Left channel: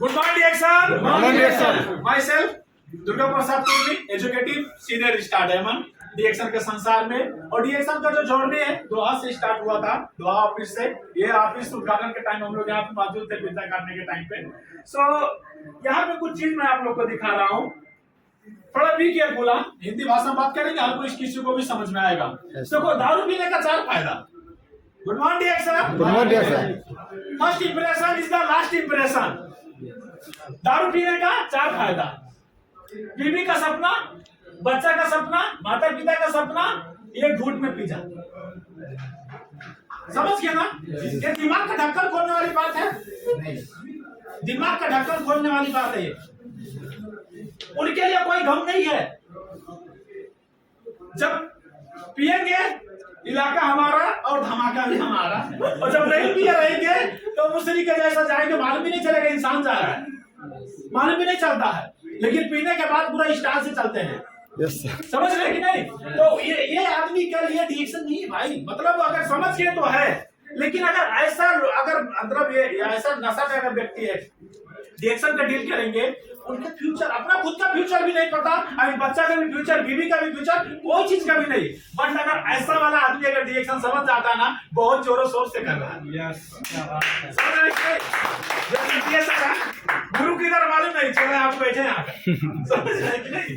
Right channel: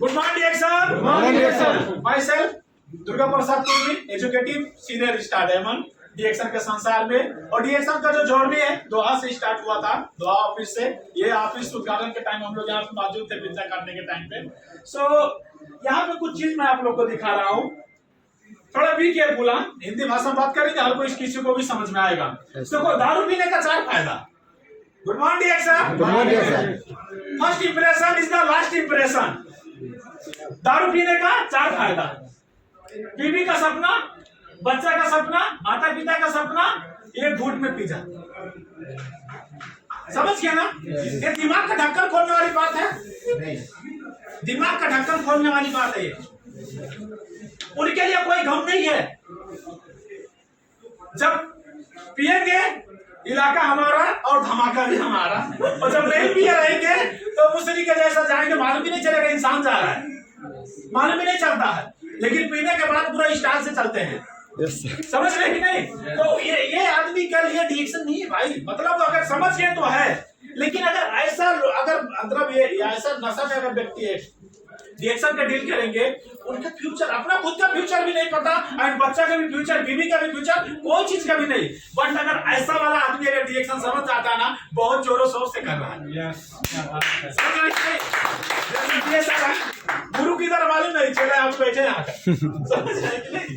Good morning, Exam. Good morning, Exam. Myself, Durga Prasad Kurmi, executive senior star diamond DXN के संसार में। और डीएक्शन का जो जर्नी है दोहा से स्टार्ट हुआ था, दोहा ऑफिस से। ये ऑफिस उद्घाटन के टाइम हम लोग यहाँ पे मौजूद थे पिज्जा काटने के टाइम पे। यहाँ पे कुछ चीज मैं आप लोग को दिखा रहा हूँ, थोड़ा भी केयरफुल। हिंदी भाषा में बात करेंगे, हर कोई किसी को भी समझ में आएगा। देखो, दारू पीने का 4 फायदा। Good morning DXN. Good morning sir. First impression is the last impression. दारू पीने का 4 फायदा। बीवी का सपना, बच्चा का सपना, माता पिता का सपना, एक घूंट में पी जा। समझ गया ना? ये दिमाग का ढक्कन खोलने वाली बात है। दिमाग का ढक्कन खोलने वाली बात है ये। उनके लिए कोई गम नहीं है। जब पिएंगे इलाका हमारा और धमाका भी हमारा, और जब नहीं पिए रहेंगे तो मुसरी के जैसा जाएंगे, मालूम भी नहीं चलेगा इंसान जा रहा है, मालूम भी नहीं चलता है। लेकिन पीने के बाद पूरा स्टार से चलते हैं। समझ रहे कि नहीं? तो ये आदमी के लिए डीएक्शन नहीं है भाई। मतलब अगर समझ गए तो है, लेकिन अगर ऐसा मतलब ये ऐसा नशा में अगर व्यक्ति है डीएक्शन का डील करेंगे, उनका फ्यूचर, अपना खुद का फ्यूचर भी नहीं पता, एंड बच्चा का भी फ्यूचर, बीवी का भी फ्यूचर, कोई चीज का भी नहीं। बट अगर ऐसा वाला आदमी अगर डीएक्शन समझ जाता है ना, बहुत जोरों शोर से कर रहा है। गुरु की तरह मालूम नहीं चले, आप बैठे यहाँ समझ रहे कि नहीं?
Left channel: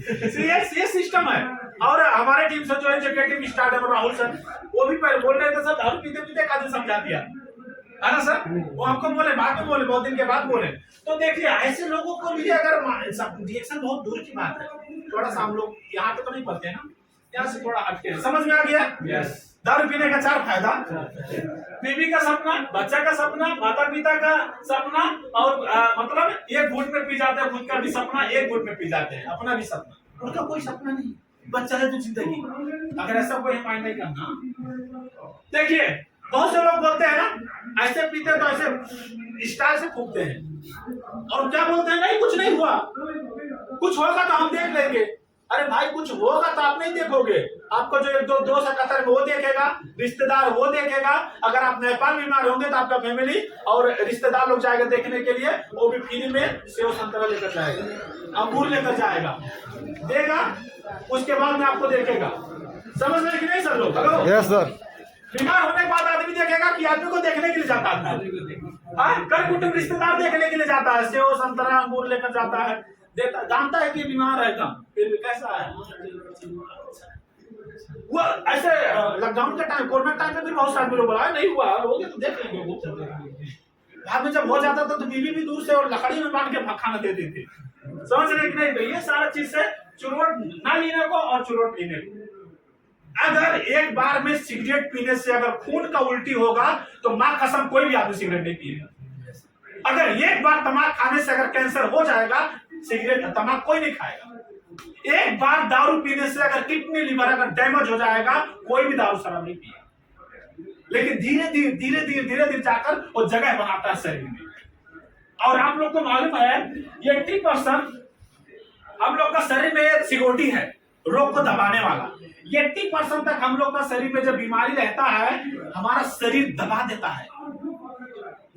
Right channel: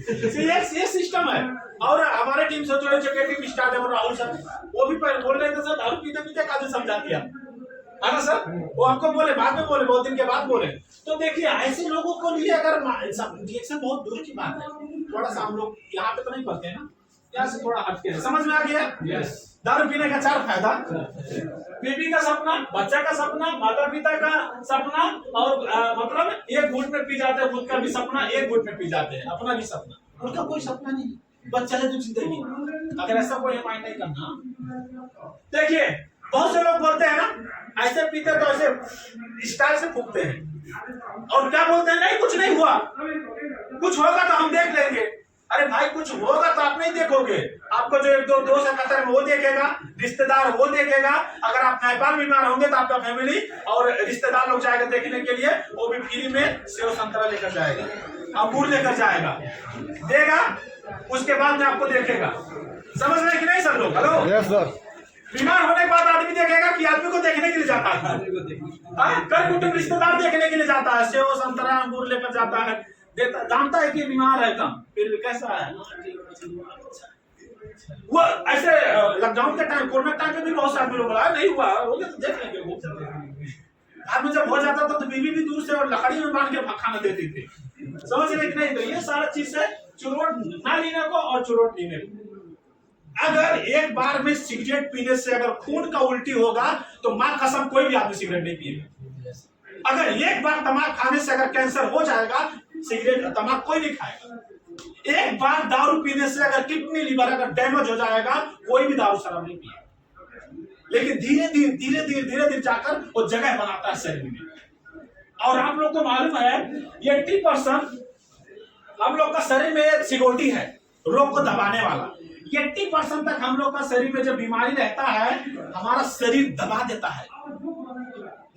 ये सिस्टम है। और हमारे टीम से जो एजुकेटिव स्टार है राहुल सर, वो भी पहले बोल रहे थे सर दारू पीते पीते काजू समझा दिया है ना सर। वो हमको बोले, बाद में बोले, बहुत दिन के बाद बोले। तो देखिए, ऐसे लोगों को लिए अगर डीएक्शन बहुत दूर की बात है। थोड़ा सा हम लोग यहाँ पे तो नहीं पढ़ते हैं ना, यहाँ से थोड़ा हटके हैं। समझ में आ गया? यस। दारू पीने का 4 फायदा। बीवी का सपना, बच्चा का सपना, माता पिता का सपना, और मतलब एक घूंट में पी जाते हैं। खुद का भी सपना एक घूंट में पी जाते हैं, अपना भी सपना। उनका कोई सपना नहीं, बच्चा है तो जिंदगी। अगर ऐसा कोई माइंड नहीं करना। देखिए, बहुत से लोग बोलते हैं ना, ऐसे पीते तो ऐसे स्टाइल से फूकते हैं, और क्या बोलते हैं, नहीं कुछ नहीं हुआ, कुछ होगा तो हम देख लेंगे। अरे भाई, कुछ होगा तो आप नहीं देखोगे, आपको जो एक दो दोस्त है कतर में वो देखेगा, रिश्तेदार वो देखेगा। अगर आप नेपाल बीमार होंगे तो आपका फैमिली और रिश्तेदार लोग जाएगा देखने के लिए, वो भी फ्री में सेव संतरा लेकर जाएगा, अंगूर लेकर जाएगा, देगा, उसके बाद में आपको देखेगा। समझ रहे कि नहीं सर लोग? Hello yes sir. बीमार होने के बाद आदमी देखेगा कि आदमी को देखने के लिए जाता है, कर कुटुंब रिश्तेदार देखने के लिए जाता है, सेव संतरा अंगूर लेकर जाता है, देता, जानता है कि बीमार है कम, फिर भी कैसा है वो। ऐसे लॉकडाउन के टाइम, कोरोना टाइम में भी बहुत सारे लोग बोला नहीं हुआ, हो गया तो देख लेंगे वो। बाद में जब हो जाता था तो बीवी भी दूर से और लकड़ी में बांध के खाना देती थी। समझ रहे कि नहीं? तो ये सारा चीज से चुरवट ना लेने को और चुरवट पीने को। अगर एक बार में सिगरेट पीने से अगर खून का उल्टी होगा तो मां कसम कोई भी आदमी सिगरेट नहीं पिएगा। अगर एक बार तमाक खाने से अगर कैंसर हो जाएगा, सिगरेट तमाक कोई नहीं खाएगा। एक बार दारू पीने से अगर किडनी लिवर अगर डैमेज हो जाएगा, कोई भी दारू शराब नहीं पिएगा। लेकिन धीरे धीरे जाकर वो जगह बनाता है शरीर में। और आप लोग को मालूम है 80% हम लोग का शरीर में सिकोटी है, रोग को दबाने वाला। 80% तक हम लोग का शरीर में जब बीमारी रहता है, हमारा शरीर दबा देता है।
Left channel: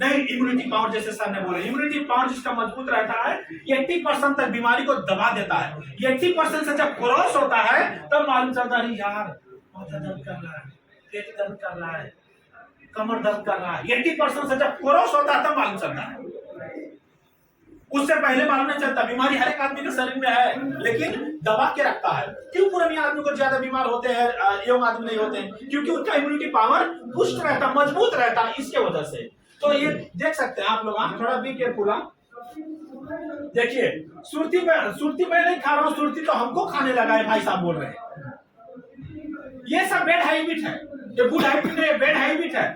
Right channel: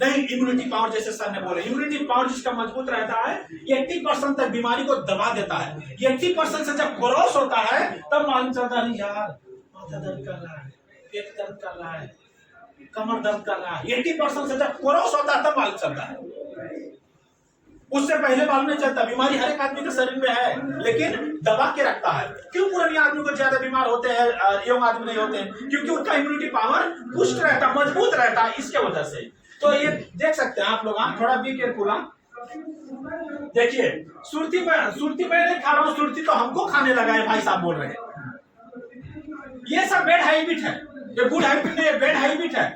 नहीं, इम्यूनिटी पावर, जैसे सर ने बोले, इम्यूनिटी पावर जिसका मजबूत रहता है, 80% तक बीमारी को दबा देता है। 80% से जब क्रॉस होता है तब मालूम चलता है यार माथा दर्द कर रहा है, पेट दर्द कर रहा है, कमर दर्द कर रहा है। 80% से जब क्रॉस होता है तब मालूम चलता है, उससे पहले मालूम नहीं चलता। बीमारी हर एक आदमी के शरीर में है, लेकिन दबा के रखता है। क्यों पुराने आदमी को ज्यादा बीमार होते हैं, यंग आदमी नहीं होते हैं? क्योंकि उनका इम्यूनिटी पावर पुष्ट रहता, मजबूत रहता है, इसके वजह से। तो ये देख सकते हैं आप लोग, थोड़ा भी केयरफुल। देखिए, सुरती मैं नहीं खा रहा हूँ, सुरती तो हमको खाने लगा है, भाई साहब बोल रहे हैं। ये सब बैड हैबिट है, ये गुड हैबिट नहीं है, बैड हैबिट है।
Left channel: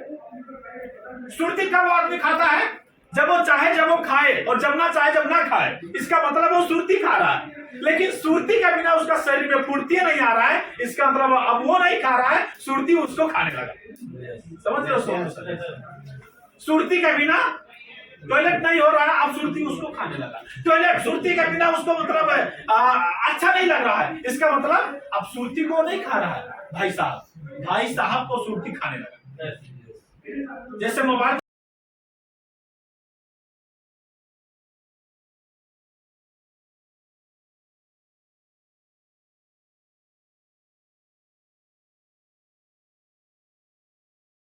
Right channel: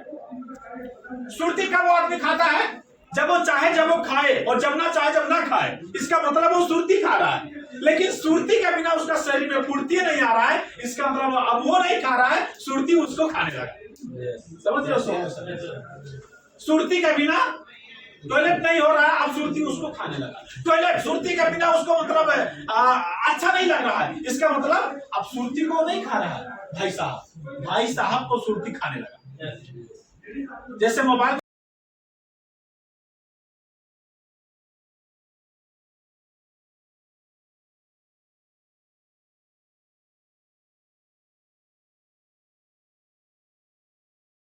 सुरती कब वो आदमी खाता है? जब वो चाहे जब वो खाए, और जब ना चाहे जब ना खाए। इसका मतलब वो सुरती खा रहा है, लेकिन सुरती के बिना उसका शरीर में फुर्ती नहीं आ रहा है। इसका मतलब अब वो नहीं खा रहा है, सुरती उसको खाने लगा। समझ लो? सुरती के बिना टॉयलेट नहीं हो रहा है, अब सुरती उसको खाने लगा। टॉयलेट सुरती के बिना उसको मतलब अच्छा नहीं लग रहा है, इसका मतलब अब सुरती को नहीं खा रहा है, भाई साहब को सुरती खाने लगा। जैसे मोबाइल